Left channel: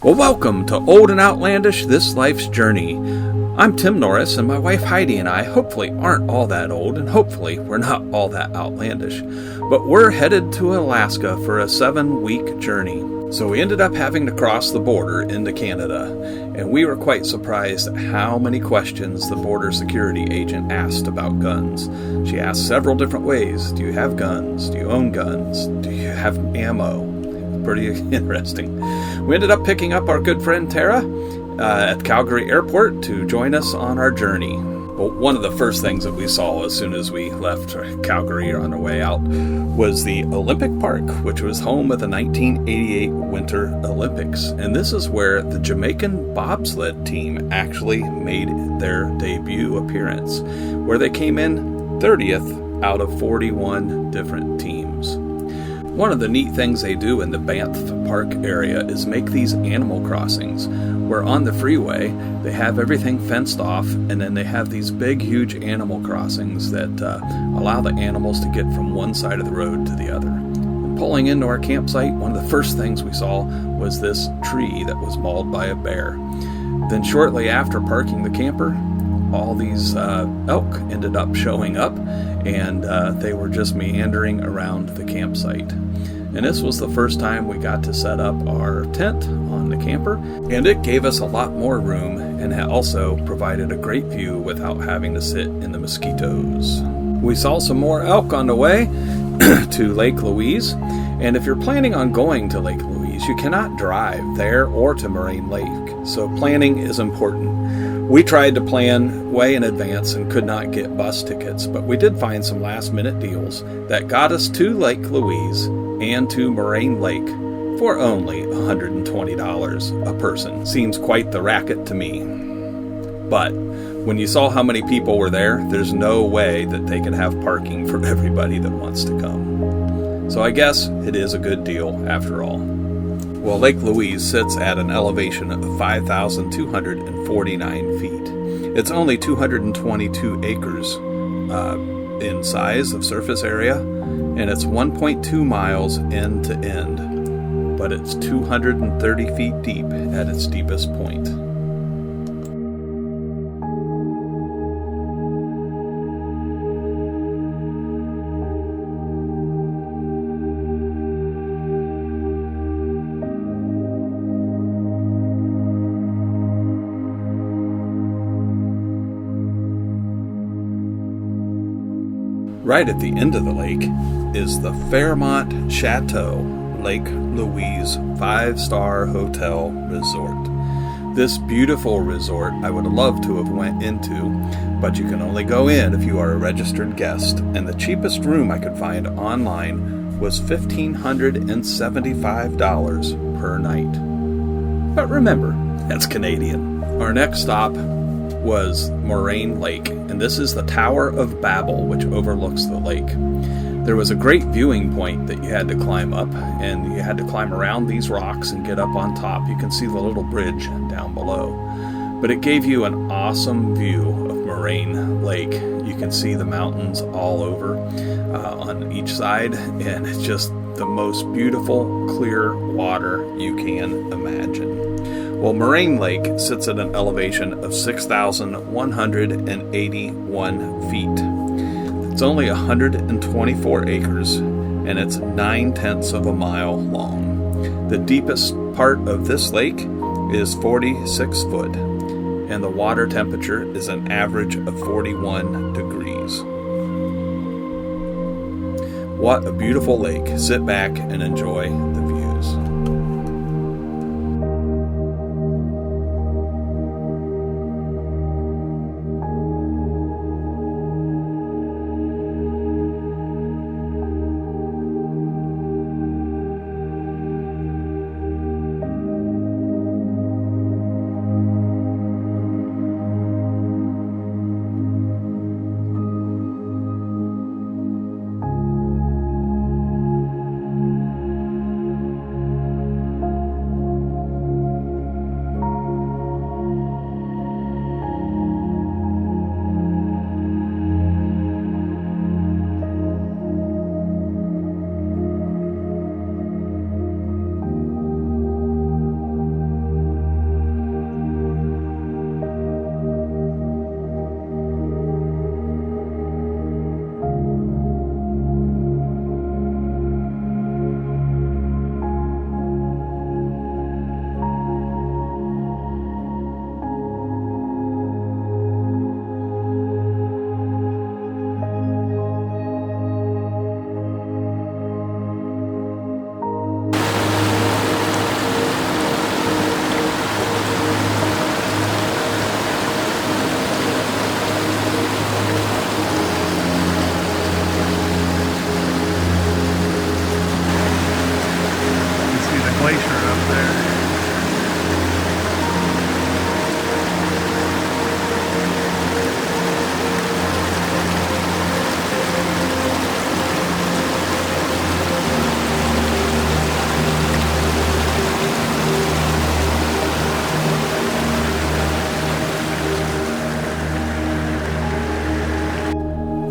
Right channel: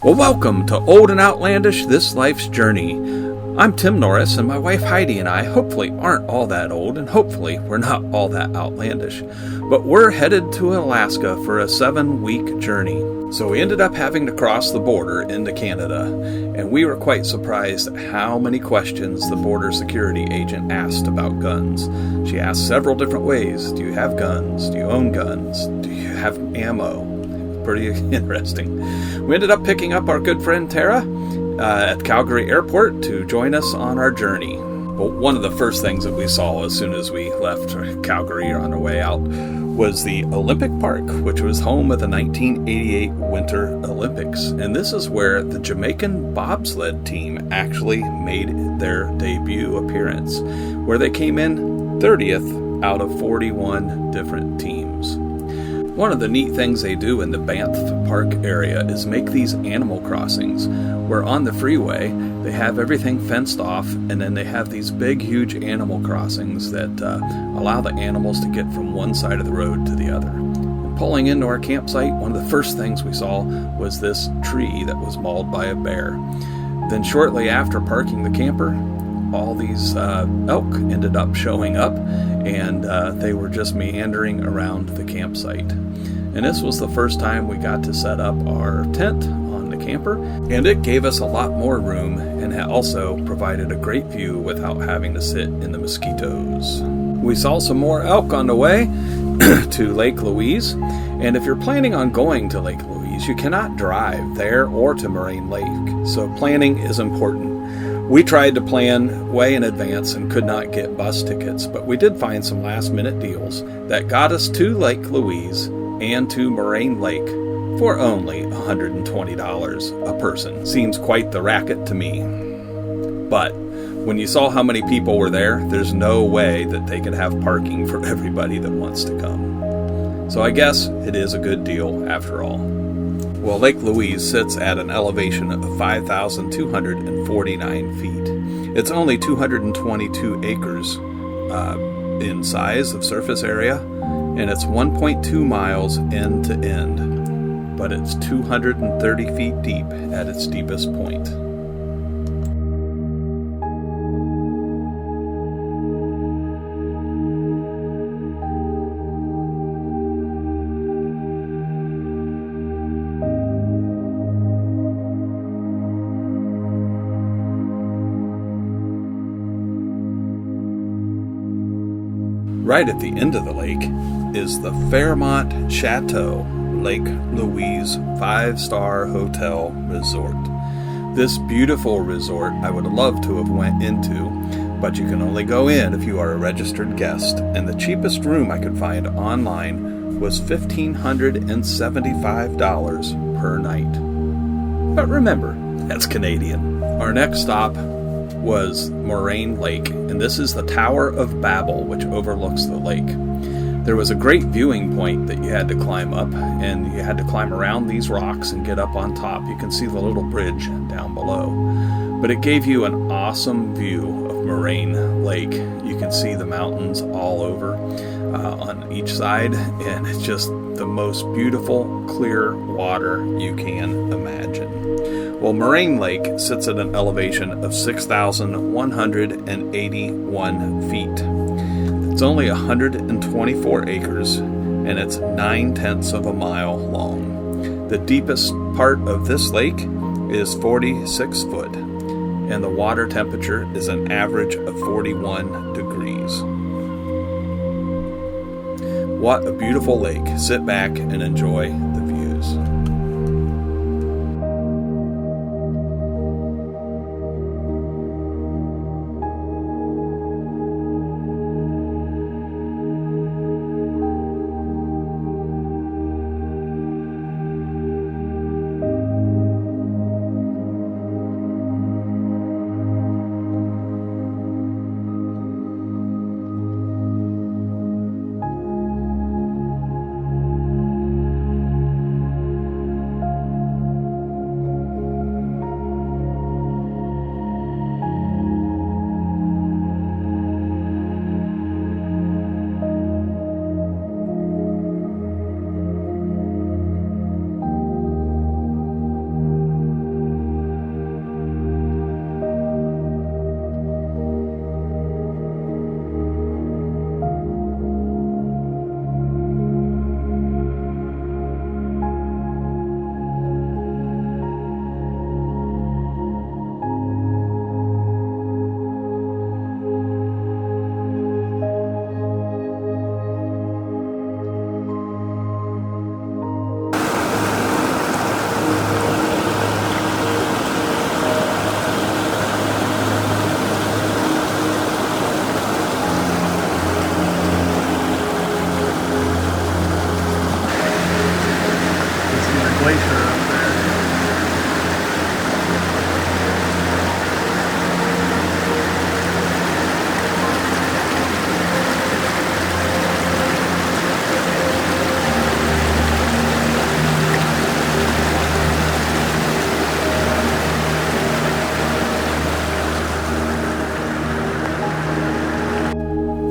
Well, welcome to Old and Outlandish, This Life's Journey. I'm Tim Norris, and my wife Heidi and I hopefully aren't all that old, and hopefully we're not all that outlandish. But we're headed to Alaska for a 7-week journey. So we ended up having to cross the border into Canada, and we were quite surprised at how many questions the border security agent asked about guns. She asked several different ways. Do you have guns? Do you own guns? Do you have ammo? Pretty interesting. We ended up picking up our good friend Tara at Calgary Airport to join us on our journey. But one of the first things that we saw as soon as we left Calgary on our way out was the Olympic Park, which was home of the 1988 Winter Olympics. And this is where the Jamaican bobsled team actually made their debut appearance, where they came in 30th out of 41 different teams. One of the neat things they do in the Banff Park area is make these animal crossings, where on the freeway they have everything fenced off, and then they have these big, huge animal crossings that allow the animals to get from one side of the road to the other. And pulling into our campsite, one of the first things we saw was this tree that was mauled by a bear. Then shortly after parking the camper, all these elk ended up showing up, and they were just meandering around the campsite. And this was the first time we got to set up our tent on the camper, and it gave us a lot more room and also provided a great view without having to sit in the mosquitoes. We saw some more elk on the way to Lake Louise, and if you're planning on going to Lake Louise, you cannot drive there or to Moraine Lake, so planning is important. We tried to plan way in advance and could not get bus tickets, but we did find some last-minute deals that got us to Lake Louise and to Moraine Lake for only $120 a person. Seems quite the racket to me. But when you saw how many people were there, there's no way that they could have parking for everybody that wants to come. So I guess it is a good deal after all. Well, Lake Louise sits at an elevation of 5,249 feet. It's only 222 acres in size of surface area, and it's 1.2 miles end to end, but it's 230 feet deep at its deepest point. Right at the end of the lake is the Fairmont Chateau Lake Louise 5-star hotel resort. This beautiful resort I would love to have went into, but you can only go in if you are a registered guest, and the cheapest room I could find online was $1,575 per night. But remember, that's Canadian. Our next stop was Moraine Lake, and this is the Tower of Babel, which overlooks the lake. There was a great viewing point that you had to climb up, and you had to climb around these rocks and get up on top. You can see the little bridge down below. But it gave you an awesome view of Moraine Lake. You can see the mountains all over on each side, and it's just the most beautiful, clear water you can imagine. Well, Moraine Lake sits at an elevation of 6,181 feet. It's only 124 acres, and it's 9/10 of a mile long. The deepest part of this lake is 46 foot, and the water temperature is an average of 41 degrees. What a beautiful lake. Sit back and enjoy the views.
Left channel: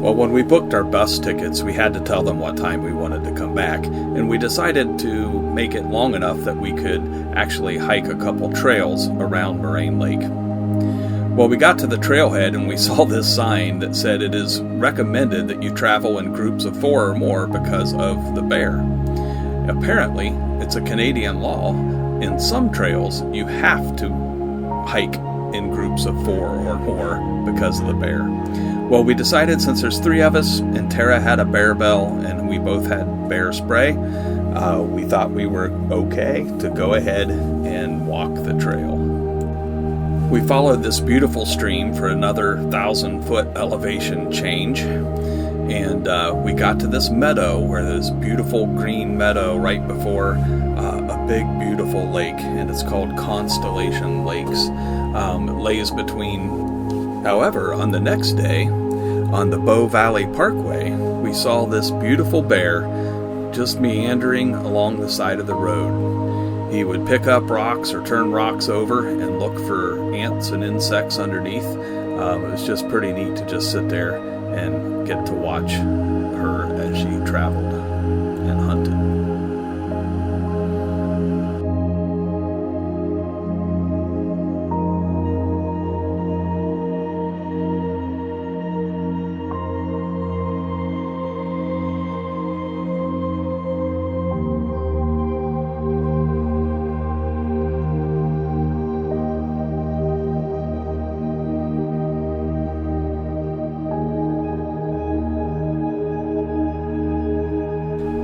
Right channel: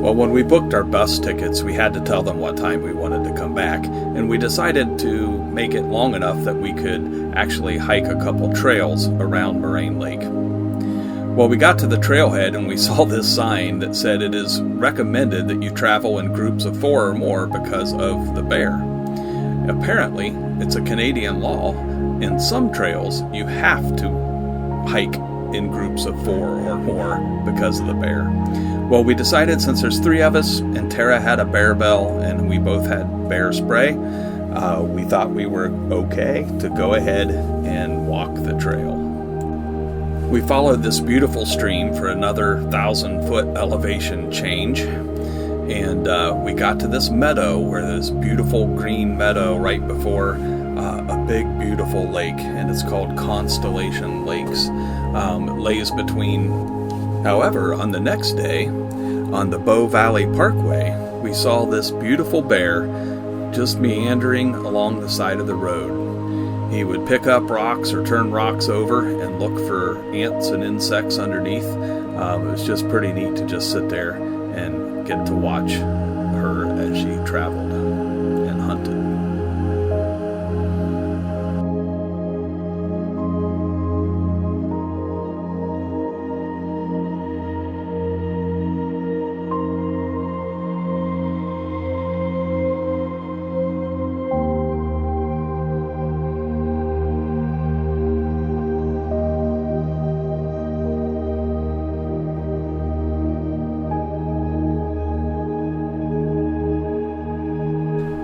Well, when we booked our bus tickets, we had to tell them what time we wanted to come back, and we decided to make it long enough that we could actually hike a couple trails around Moraine Lake. Well, we got to the trailhead and we saw this sign that said it is recommended that you travel in groups of 4 or more because of the bear. Apparently, it's a Canadian law. In some trails, you have to hike in groups of 4 or more because of the bear. Well, we decided since there's 3 of us and Tara had a bear bell and we both had bear spray, we thought we were okay to go ahead and walk the trail. We followed this beautiful stream for another 1,000-foot elevation change, and we got to this meadow where this beautiful green meadow right before a big beautiful lake, and it's called Constellation Lakes. It lays between. However, on the next day, on the Bow Valley Parkway, we saw this beautiful bear just meandering along the side of the road. He would pick up rocks or turn rocks over and look for ants and insects underneath. It was just pretty neat to just sit there and get to watch her as she traveled and hunted.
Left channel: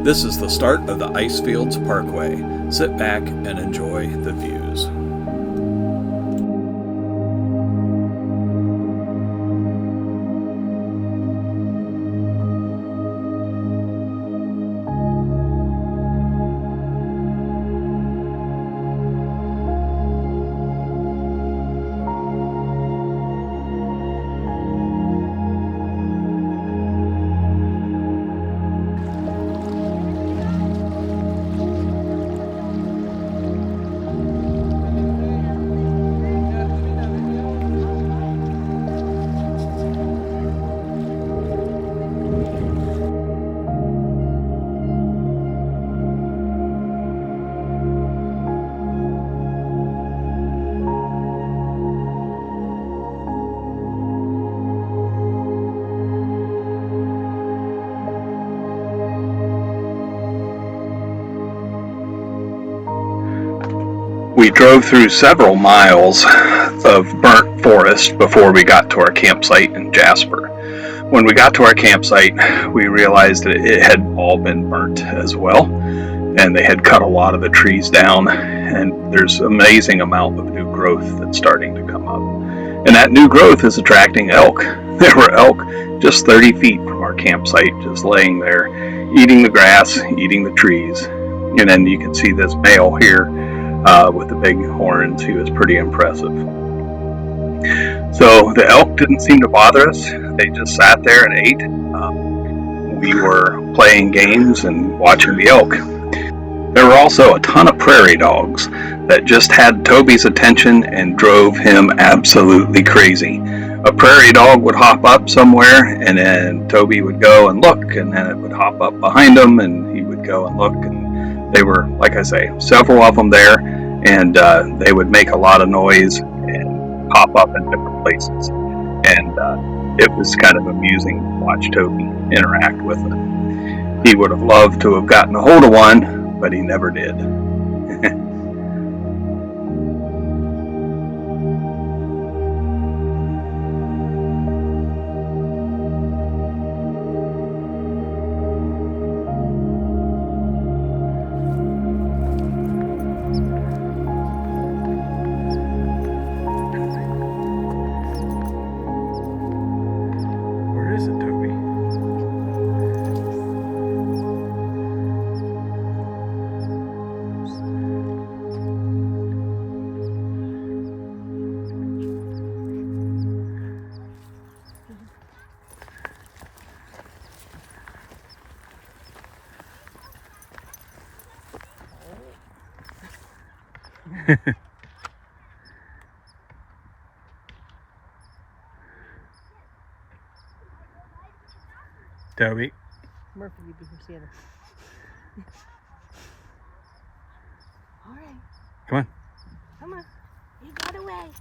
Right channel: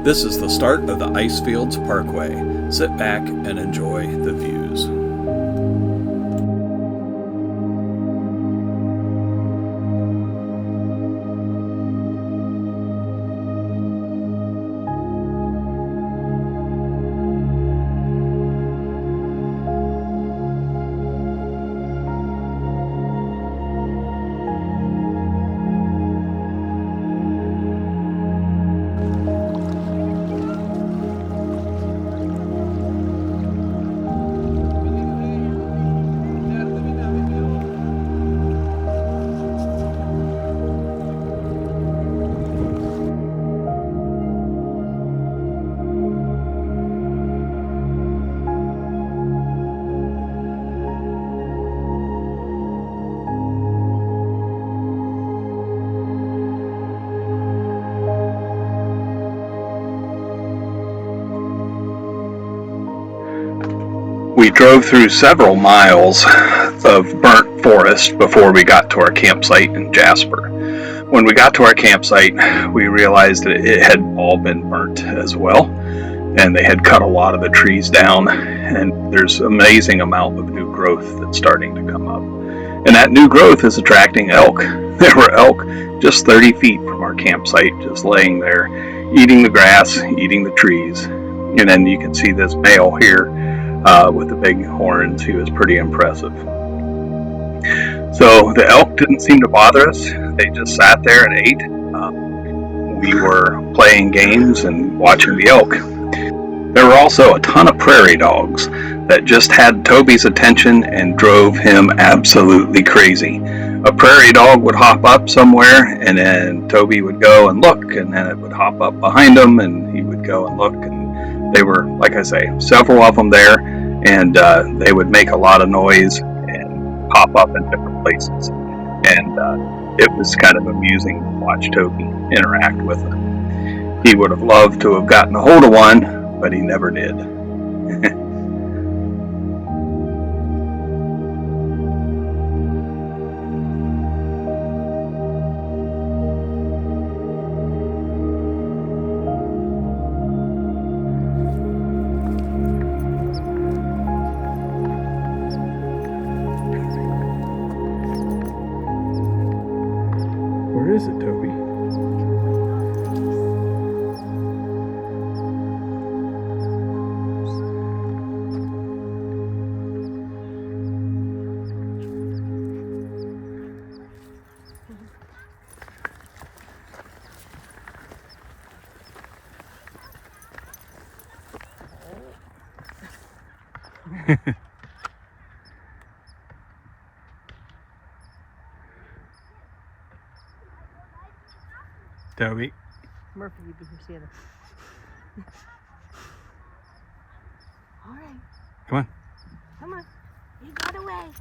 This is the start of the Icefields Parkway. Sit back and enjoy the views. We drove through several miles of burnt forest before we got to our campsite in Jasper. When we got to our campsite, we realized that it had all been burnt as well, and they had cut a lot of the trees down, and there's an amazing amount of new growth that's starting to come up. And that new growth is attracting elk. There were elk just 30 feet from our campsite, just laying there, eating the grass, eating the trees. And then you can see this male here with the big horns. He was pretty impressive. So the elk didn't seem to bother us. They just sat there and ate. We were playing games and watching the elk. There were also a ton of prairie dogs that just had Toby's attention and drove him absolutely crazy. A prairie dog would hop up somewhere, and then Toby would go and look, and then it would hop up behind him, and he would go and look. And they were, like I say, several of them there, and they would make a lot of noise and pop up in different places. And it was kind of amusing to watch Toby interact with them. He would have loved to have gotten a hold of one, but he never did. Where is it, Toby? Toby. Murphy, you be here Santa. All right. Come on. Come on. You got away.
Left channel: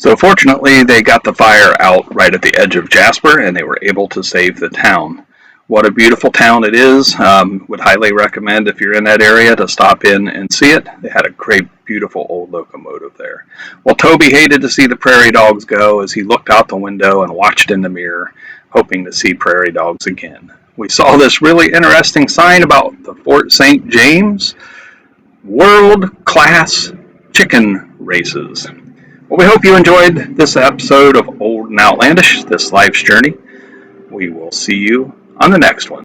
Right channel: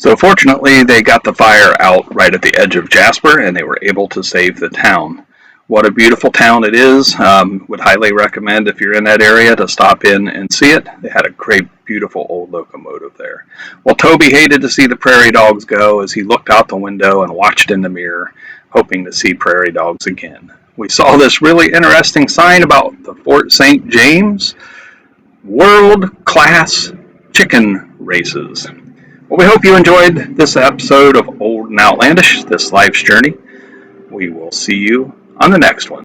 So fortunately, they got the fire out right at the edge of Jasper, and they were able to save the town. What a beautiful town it is. Would highly recommend if you're in that area to stop in and see it. They had a great, beautiful old locomotive there. Well, Toby hated to see the prairie dogs go as he looked out the window and watched in the mirror, hoping to see prairie dogs again. We saw this really interesting sign about the Fort St. James World Class Chicken Races. Well, we hope you enjoyed this episode of Old and Outlandish, this life's journey. We will see you on the next one.